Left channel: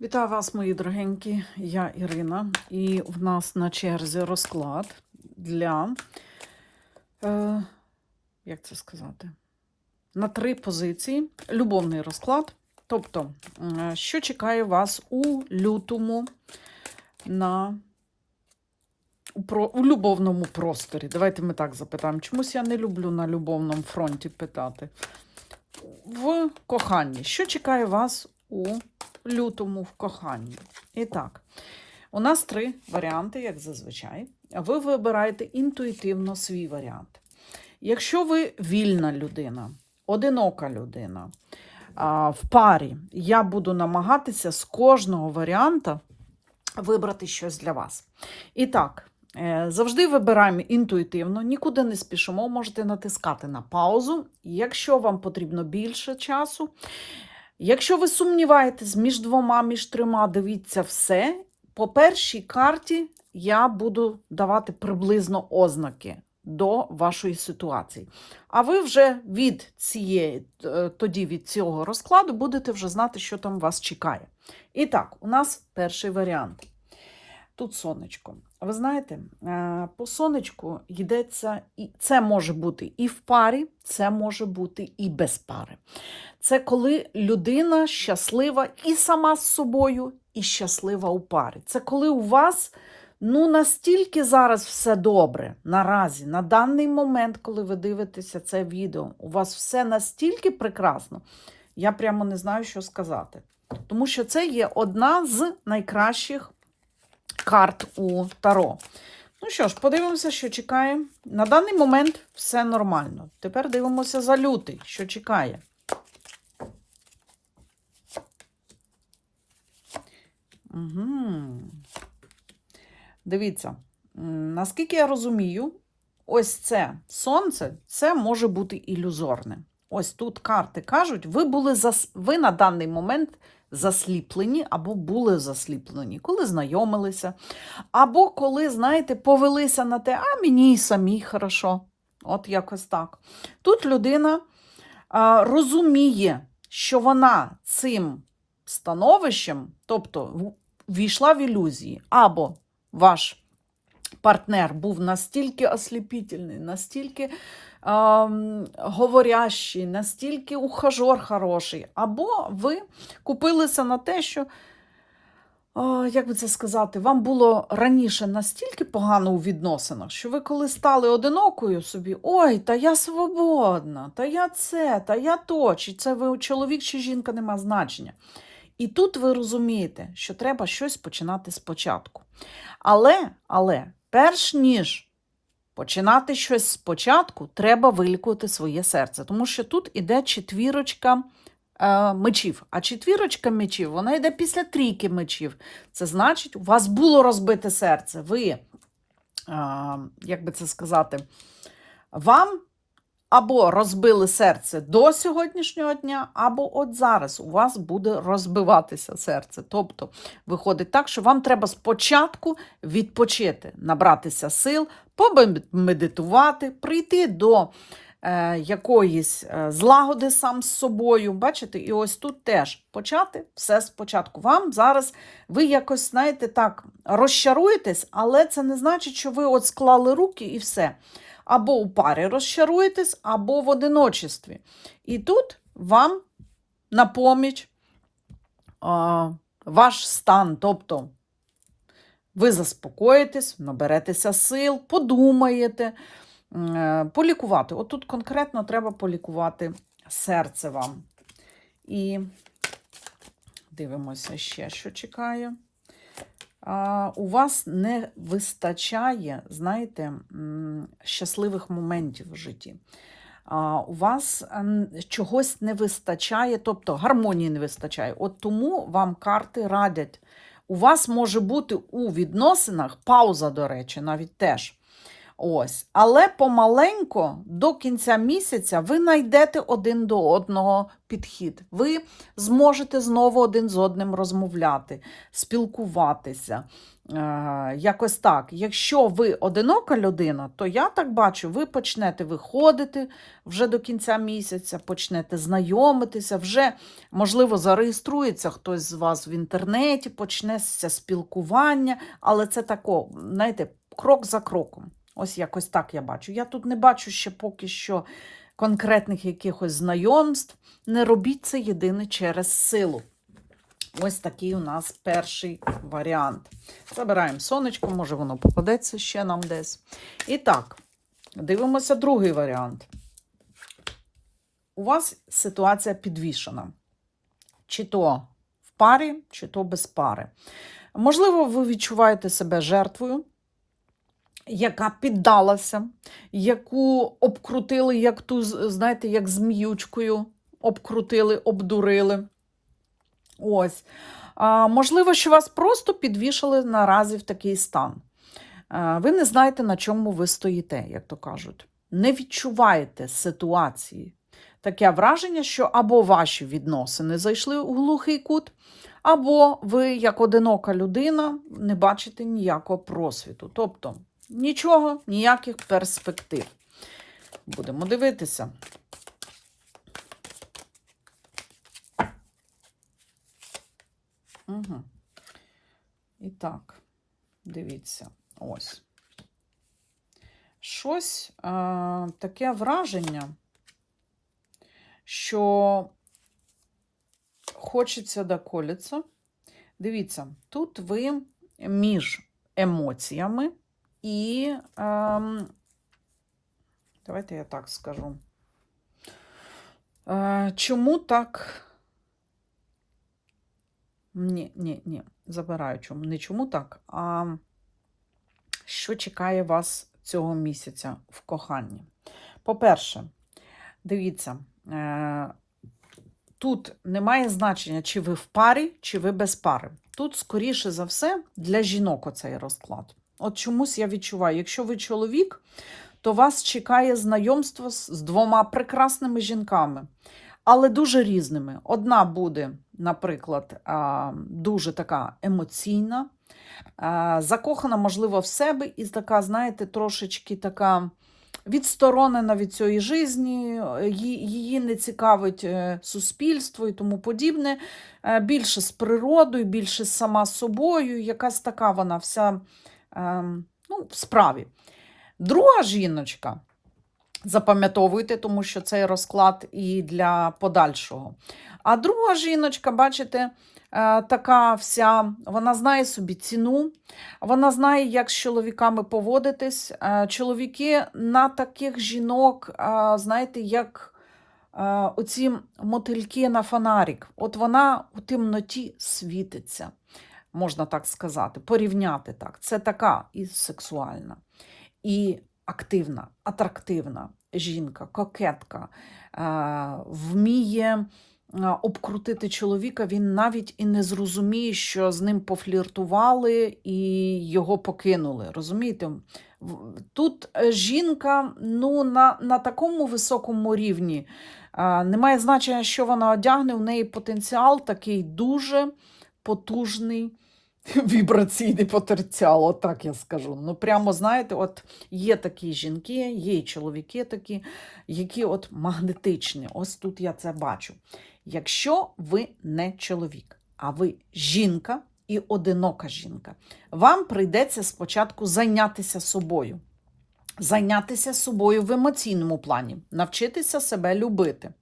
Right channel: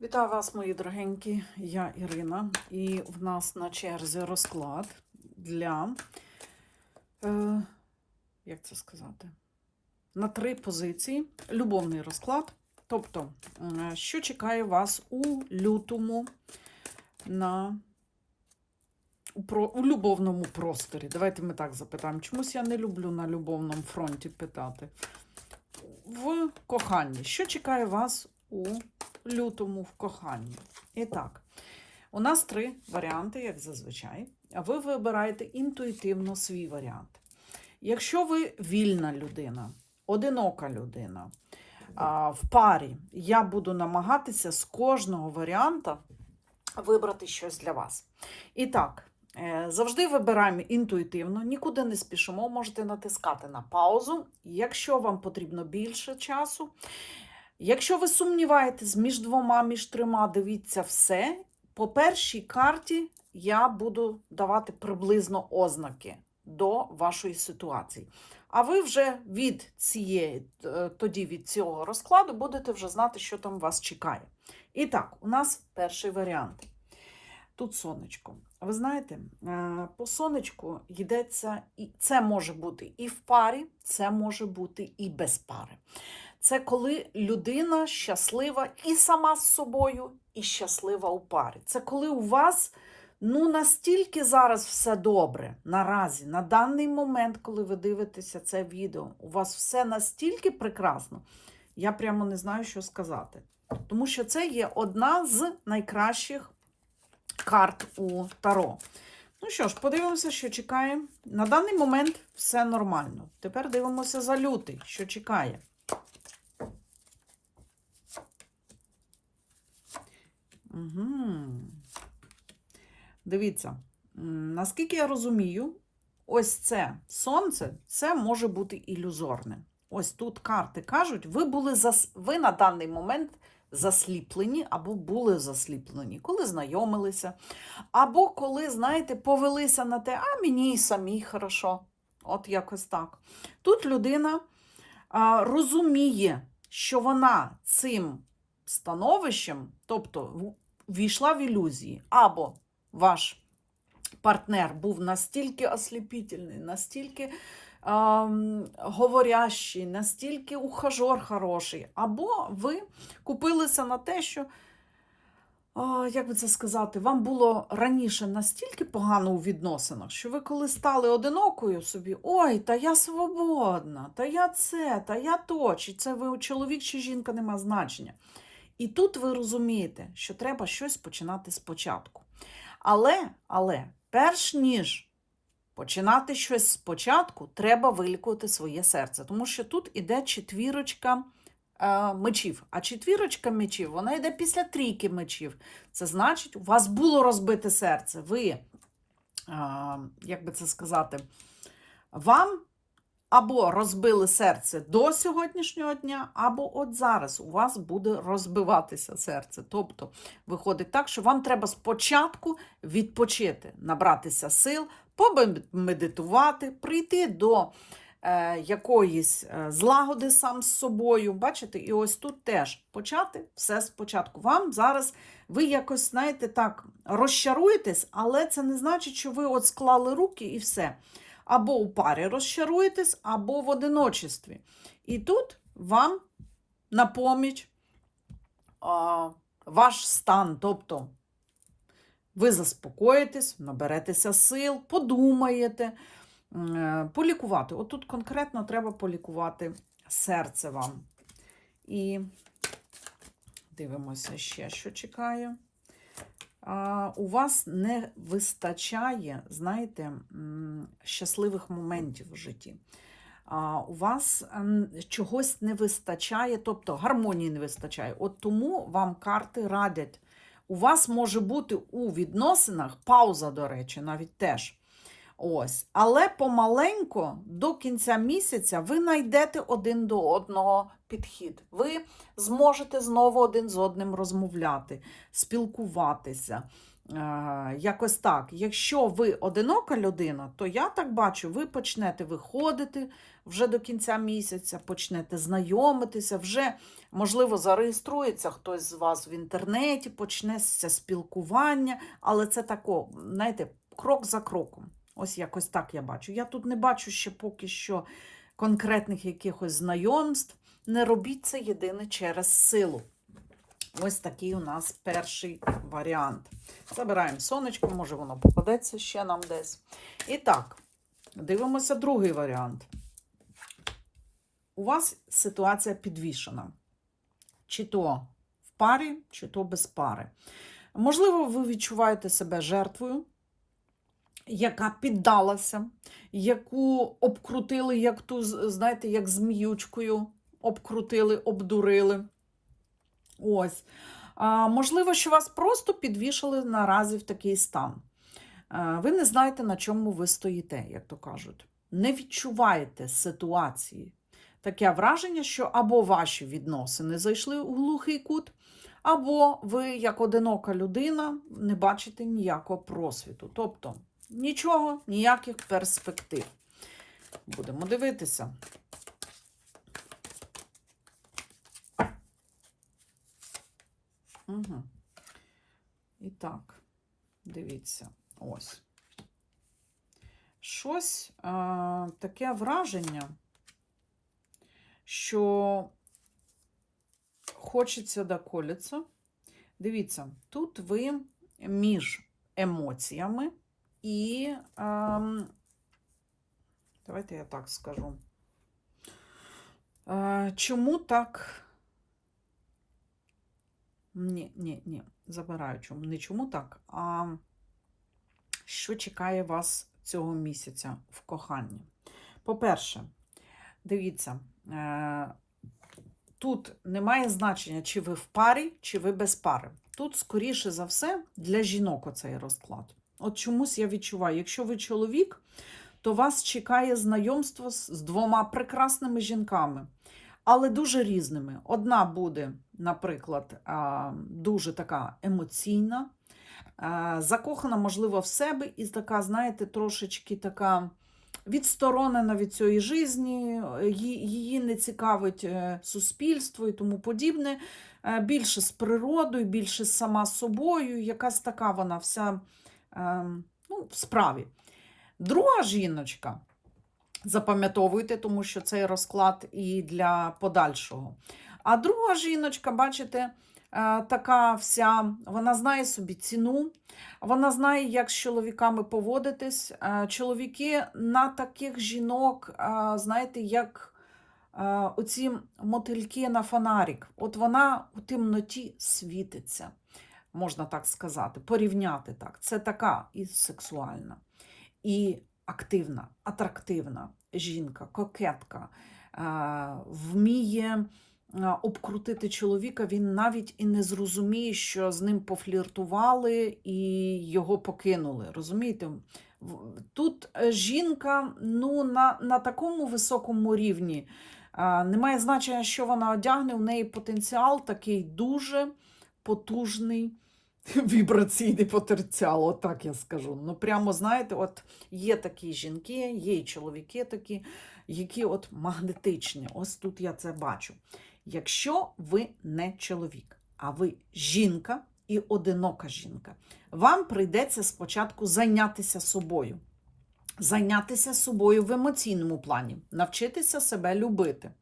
Вітаю вас, мої дорогенькі. Я Ірина, і в нас на черзі розклад для, е, як це сказати, на три позиції. Любовний розклад. Тобто, що чекає вас у лютому на у, про, у любовному просторі? Давайте ми так запитаємо. Чомусь я не люблю на любовному фронті питати. В коханні. Що чекає вас у лютому в коханні. І так, у нас три варіанти, як зазвичай. Ви вибираєте інтуїтивно свій варіант. Якщо ви вільна людина, одинока людина, в парі, я буду намагатися з кожного варіанта вибрати щось для вас. І так, е, завжди вибираємо інтуїтивно, нікуди не спішимо, можете натискати на паузу. Якщо вам потрібно більше часу, Якщо ви сумніваєтесь між двома, між трьома, дивіться все. По першій карті я буду давати приблизно ознаки до вашої ситуації. А ви вже від цієї, е, тоді від цього розкладу будете вже знати, що там вас чекає. І так, у нас перший варіант. Тут сонечко. Ви знаєте, е, по сонечку йдеться, і це може бути і в парі, це може бути і без пари. Це коли людина щаслива і сама з собою, і щаслива у парі. Це коли у вас ну настільки зараз все добре наразі, на даний момент, коли ви дивитеся це відео, у вас все настільки прекрасно, я прямо не знаю, що сказати. Тому що це є одна з найкращих карт у Таро. Ну що ж, подивимося, що чекає. На даний момент все нормально. Тепер дивимося за лютий, що чекає. Угу. Дивіться, наскільки я розумію, ось це сонце, це може бути ілюзорне. Ось тут карти кажуть, ви були зас... ви на даний момент засліплені або були засліплені, коли знайомилися, або коли, знаєте, повелися на те, а мені і самій хорошо. От якось так. Тут людина а, розуміє, що вона цим становищем, тобто війшла в ілюзії, або ваш партнер був настільки осліпітельний, настільки ем, говорящий, настільки ухажор хороший, або ви купилися на те, що, як би це сказати, вам було раніше настільки погано у відносинах, що ви коли стали одинокою собі, ой, та я свободна, та я це, та я то, чи це ви чоловік чи жінка нема значення. І тут ви розумієте, що треба щось починати спочатку. Але, але, перш ніж починати щось спочатку, треба вилікувати своє серце. Тому що тут іде четвірочка е, мечів. А четвірочка мечів, вона йде після трійки мечів. Це значить, у вас було розбите серце. Ви, е, як би це сказати, вам або розбили серце до сьогоднішнього дня, або от зараз у вас буде розбиватися серце. Тобто виходить так, що вам треба спочатку відпочити, набратися сил, помедитувати, прийти до е, якоїсь е, злагоди сам з собою. Бачите, і ось тут теж почати все спочатку. Вам зараз ви якось, знаєте, так розчаруєтесь, але це не значить, що ви от склали руки і все або у парі розчаруєтесь, або в одиночестві. І тут вам на поміч а, ваш стан, тобто ви заспокоїтесь, наберетеся сил, подумаєте, е, полікувати. Отут конкретно треба полікувати серце вам. І дивимося ще, що чекаю а, у вас не вистачає, знаєте, щасливих моментів в житті. У вас чогось не вистачає, тобто гармонії не вистачає. От тому вам карти радять. У вас може бути у відносинах пауза, до речі, навіть теж. Ось. Але помаленько до кінця місяця ви знайдете один до одного підхід. Ви зможете знову один з одним розмовляти, спілкуватися. Е, Якось так. Якщо ви одинока людина, то я так бачу, ви почнете виходити вже до кінця місяця, почнете знайомитися, вже, можливо, зареєструється хтось з вас в інтернеті, почнеться спілкування, але це тако, знаєте, крок за кроком. Ось якось так я бачу. Я тут не бачу ще поки що конкретних якихось знайомств. Не робіть це єдине через силу. Ось такий у нас перший варіант. Забираємо сонечко, може воно попадеться ще нам десь. І так, дивимося другий варіант. У вас ситуація підвішена. Чи то в парі, чи то без пари. Можливо, ви відчуваєте себе жертвою, яка піддалася, яку обкрутили, як ту, знаєте, як зміючкою, обкрутили, обдурили. Ось. А, можливо, що вас просто підвішали наразі в такий стан. А, ви не знаєте, на чому ви стоїте, як то кажуть. Не відчуваєте ситуації. Таке враження, що або ваші відносини зайшли у глухий кут, або ви, як одинока людина, не бачите ніякого просвіту. Тобто нічого, ніяких перспектив. Будемо дивитися. Угу. І так, дивіться, ось. Щось е, таке враження, що хочеться доколіться. Дивіться, тут ви між емоціями і, е, давайте я так скажу. Е, чому так? Ні, ні, ні, забираю чому. Не чому так, а що чекає вас цього місяця в коханні? По-перше, дивіться, е, тут немає значення, чи ви в парі, чи ви без пари. Тут, скоріше за все, для жінок оцей розклад. От чомусь я відчуваю, якщо ви чоловік, то вас чекає знайомство з двома прекрасними жінками але дуже різними. Одна буде, наприклад, дуже така емоційна, закохана, можливо, в себе, і така, знаєте, трошечки така відсторонена від цієї житті, її не цікавить е, суспільство і тому подібне. Е, більше з природою, більше сама собою, якась така вона вся ну, в справі. Друга жіночка. Запам'ятовуйте, тому що цей розклад і для подальшого. А друга жіночка, бачите, е, така вся, вона знає собі ціну, вона знає, як з чоловіками поводитись. Е, чоловіки на таких жінок, е, знаєте, як оці мотильки на фонарик. От вона у темноті світиться, можна так сказати, порівняти так. Це така і сексуальна. І активна, атрактивна жінка, кокетка, вміє обкрутити чоловіка, він навіть і не зрозуміє, що з ним пофліртували і його покинули. Розумієте? Тут е, жінка ну, на, на такому високому рівні. Немає значення, що вона одягне, у неї потенціал такий дуже потужний. Вібраційний потенціал, отак я скажу. Ну, прямо, знаєте, от є такі жінки, є і чоловіки такі, які от магнетичні. Ось тут я це бачу. Якщо ви не чоловік, а ви жінка і одинока жінка, вам прийдеться спочатку зайнятися собою. Зайнятися собою в емоційному плані, навчитися себе любити,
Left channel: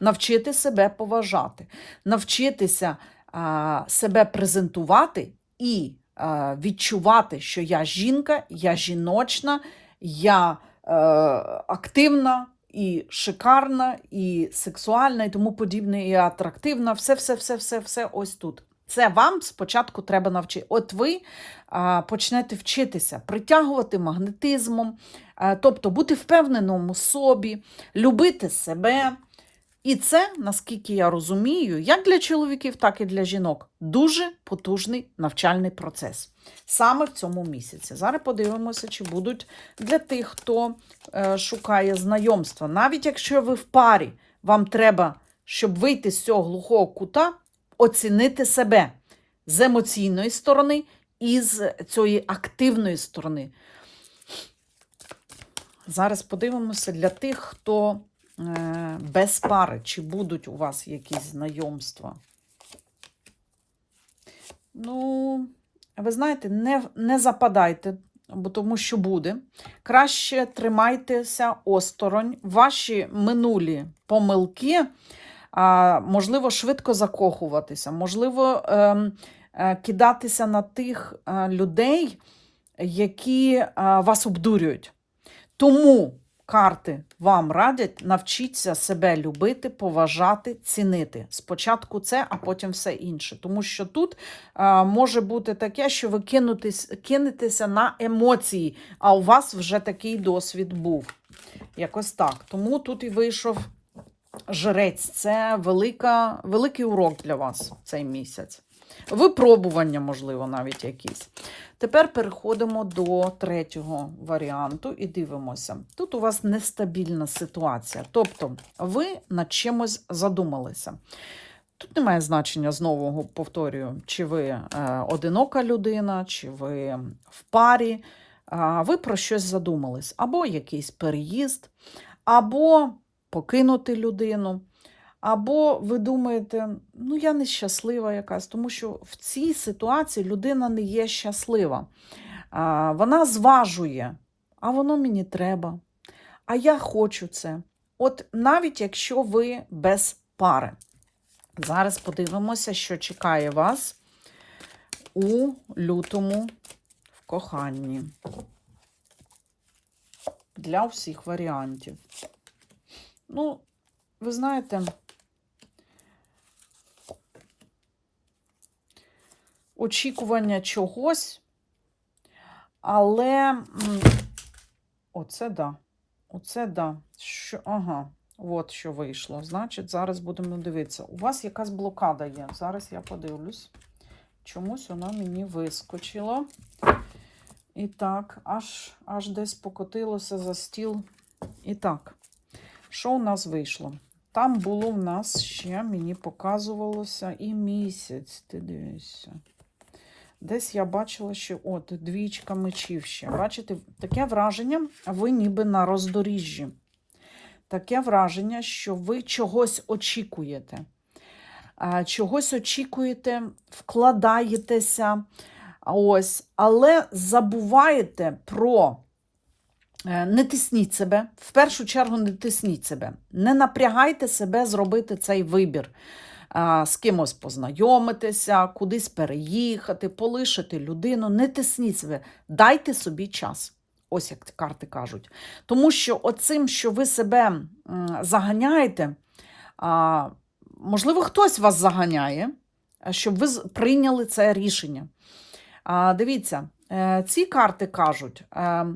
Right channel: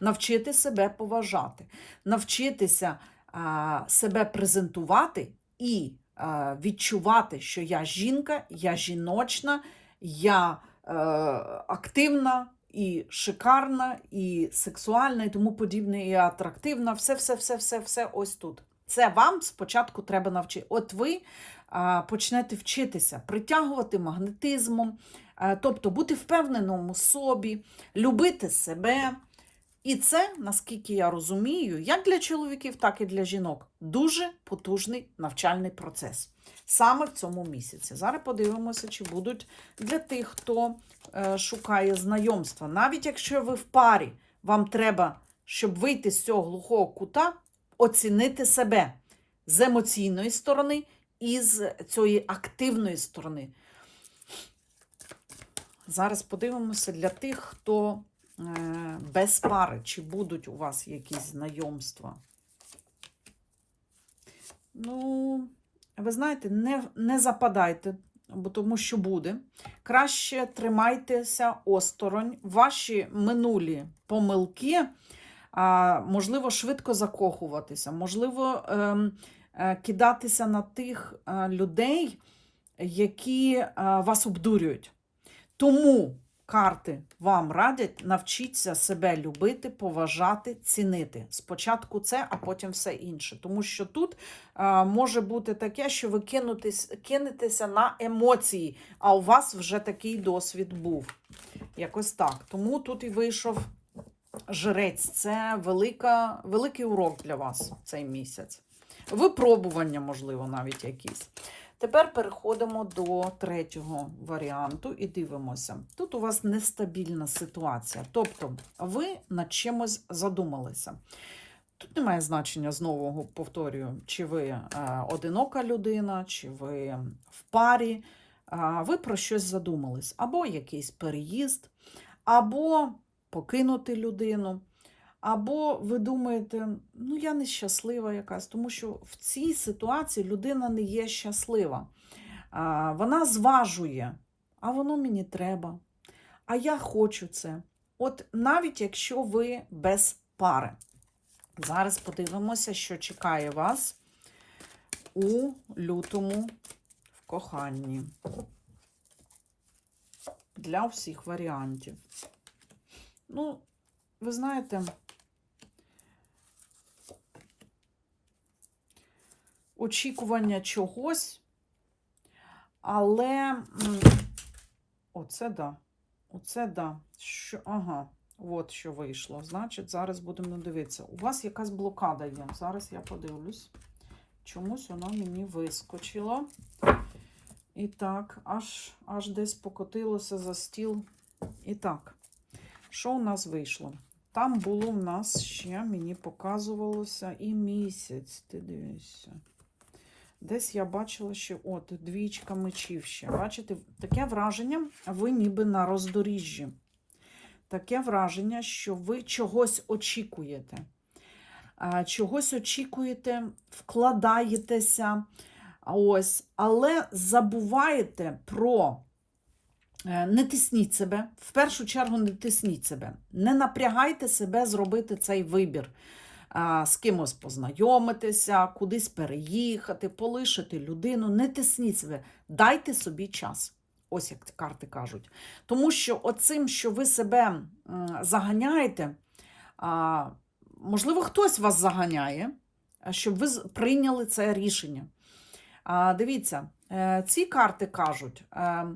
навчити себе поважати, навчитися а, себе презентувати і е, відчувати, що я жінка, я жіночна, я е, активна і шикарна, і сексуальна, і тому подібне, і атрактивна. Все, все, все, все, все ось тут. Це вам спочатку треба навчити. От ви а, почнете вчитися, притягувати магнетизмом, а, тобто бути впевненим у собі, любити себе. І це, наскільки я розумію, як для чоловіків, так і для жінок, дуже потужний навчальний процес саме в цьому місяці. Зараз подивимося, чи будуть для тих, хто е, шукає знайомства. Навіть якщо ви в парі, вам треба щоб вийти з цього глухого кута, оцінити себе з емоційної сторони і з цієї активної сторони. Зараз подивимося для тих, хто без пари, чи будуть у вас якісь знайомства. Ну, ви знаєте, не, не западайте, бо тому що буде. Краще тримайтеся осторонь. Ваші минулі помилки, можливо, швидко закохуватися, можливо, ем, е, кидатися на тих е, людей, які е, вас обдурюють. Тому карти вам радять навчіться себе любити, поважати, цінити. Спочатку це, а потім все інше. Тому що тут а, може бути таке, що ви кинутись, кинетеся на емоції, а у вас вже такий досвід був. Якось так. Тому тут і вийшов жрець. Це велика, великий урок для вас цей місяць. Випробування, можливо, навіть якісь. Тепер переходимо до третього варіанту і дивимося. Тут у вас нестабільна ситуація. Тобто ви над чимось задумалися. Тут немає значення, знову повторюю, чи ви е, одинока людина, чи ви в парі. Ви про щось задумались. Або якийсь переїзд, або покинути людину. Або ви думаєте, ну я нещаслива якась, тому що в цій ситуації людина не є щаслива. Вона зважує, а воно мені треба. А я хочу це. От навіть якщо ви без пари. Зараз подивимося, що чекає вас у лютому в коханні. Для всіх варіантів. Ну, ви знаєте. очікування чогось, але оце да. Оце да. Що, ага, от що вийшло. Значить, зараз будемо дивитися. У вас якась блокада є. Зараз я подивлюсь. Чомусь вона мені вискочила. І так, аж, аж десь покотилося за стіл. І так, що у нас вийшло? Там було в нас ще, мені показувалося і місяць. Ти дивишся. Десь я бачила, що от двічка мечів ще. Бачите, таке враження, ви ніби на роздоріжжі. Таке враження, що ви чогось очікуєте. Чогось очікуєте, вкладаєтеся, ось, але забуваєте про. Е, Не тисніть себе, в першу чергу не тисніть себе, не напрягайте себе зробити цей вибір з кимось познайомитися, кудись переїхати, полишити людину. Не тисніть себе, дайте собі час. Ось як карти кажуть. Тому що оцим, що ви себе заганяєте, можливо, хтось вас заганяє, щоб ви прийняли це рішення. Дивіться, е, ці карти кажуть е,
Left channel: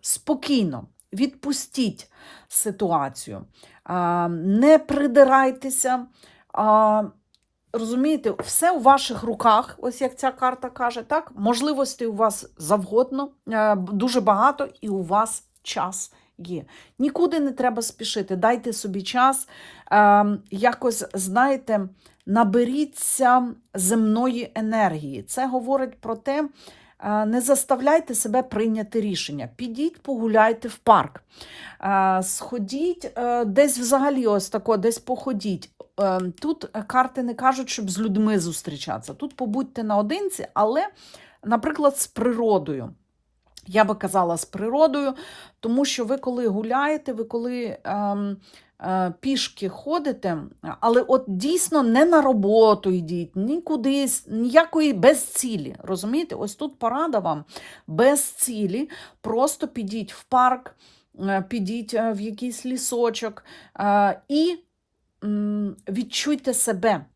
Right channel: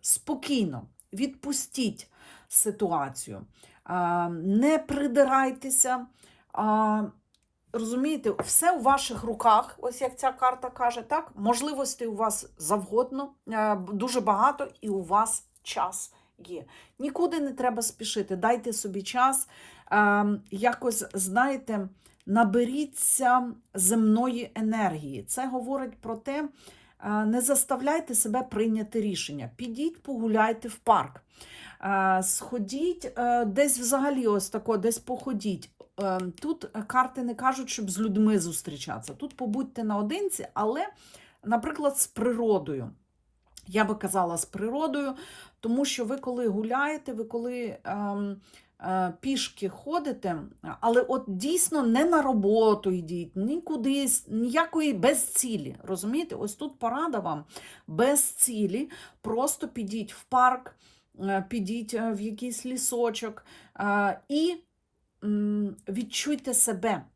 спокійно, відпустіть ситуацію, не придирайтеся. Розумієте, все у ваших руках, ось як ця карта каже, так? Можливостей у вас завгодно, е, дуже багато, і у вас час є. Нікуди не треба спішити. Дайте собі час. Е, якось, знаєте, наберіться земної енергії. Це говорить про те, не заставляйте себе прийняти рішення. Підіть, погуляйте в парк. Сходіть е, десь взагалі, ось тако, десь походіть. Е, Тут карти не кажуть, щоб з людьми зустрічатися. Тут побудьте наодинці, але, наприклад, з природою. Я би казала з природою, тому що ви коли гуляєте, ви коли ем, пішки ходите, але от дійсно не на роботу йдіть, ні кудись, ніякої без цілі. Розумієте? Ось тут порада вам без цілі. Просто підіть в парк, е, підіть е, в якийсь лісочок е, і відчуйте себе.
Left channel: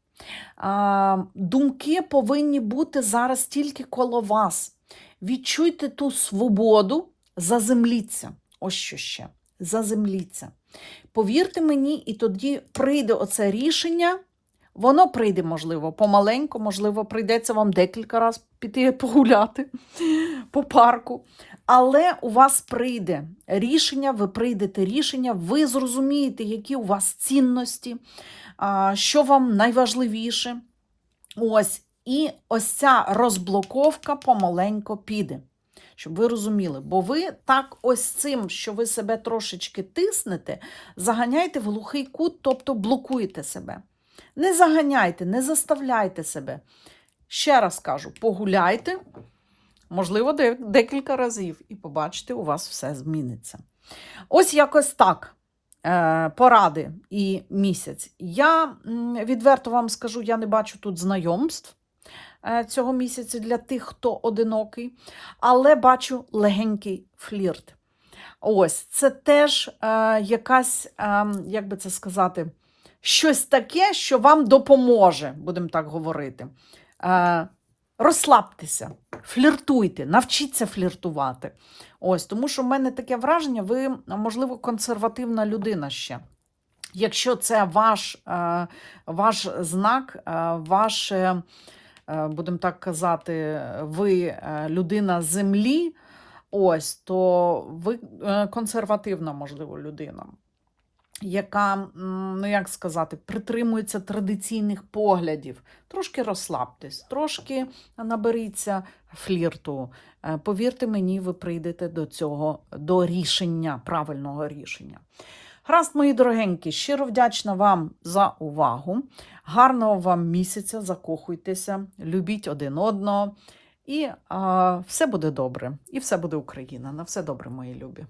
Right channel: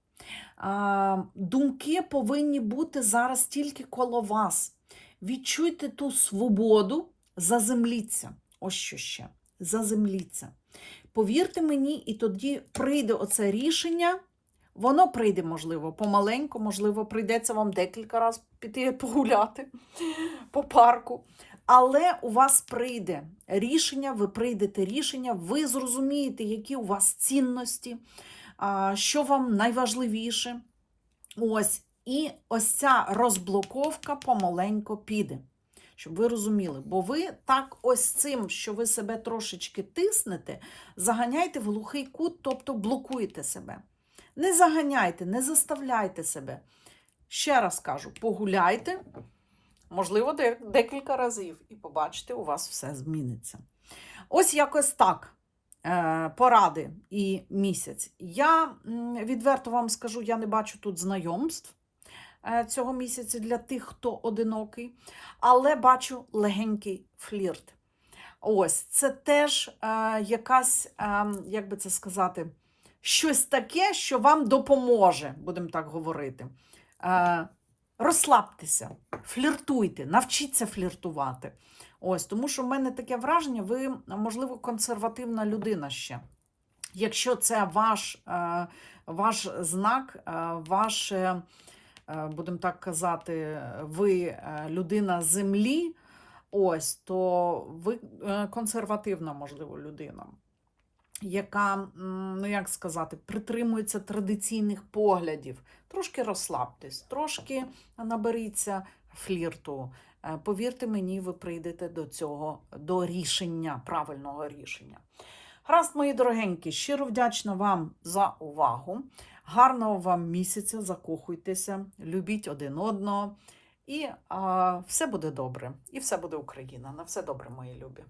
Думки повинні бути зараз тільки коло вас. Відчуйте ту свободу, заземліться. Ось що ще. Заземліться. Повірте мені, і тоді прийде оце рішення. Воно прийде, можливо, помаленьку, можливо, прийдеться вам декілька разів піти погуляти по парку. Але у вас прийде рішення, ви прийдете рішення, ви зрозумієте, які у вас цінності, що вам найважливіше. Ось, і ось ця розблоковка помаленько піде. Щоб ви розуміли, бо ви так ось цим, що ви себе трошечки тиснете, заганяєте в глухий кут, тобто блокуєте себе. Не заганяйте, не заставляйте себе. Ще раз кажу, погуляйте, можливо, декілька разів, і побачите, у вас все зміниться. Ось якось так. е, Поради і місяць. Я відверто вам скажу, я не бачу тут знайомств цього місяця для тих, хто одинокий, але бачу легенький флірт. Ось це теж е, якась, е, як би це сказати, щось таке, що вам допоможе, будемо так говорити. Е, розслабтеся, фліртуйте, навчіться фліртувати. Ось, тому що в мене таке враження, ви, можливо, консервативна людина ще. Якщо це ваш, е, ваш знак, е, ваше, е, будемо так казати, ви е, людина землі, ось, то ви е, консервативна, можливо, людина, яка, ну як сказати, притримується традиційних поглядів. Трошки розслабтесь, трошки наберіться флірту. Е, Повірте мені, ви прийдете до цього, до рішення, правильного рішення. Гаразд, мої дорогенькі, щиро вдячна вам за увагу. Гарного вам місяця, закохуйтеся, любіть один одного. І а, все буде добре. І все буде Україна. На все добре, мої любі.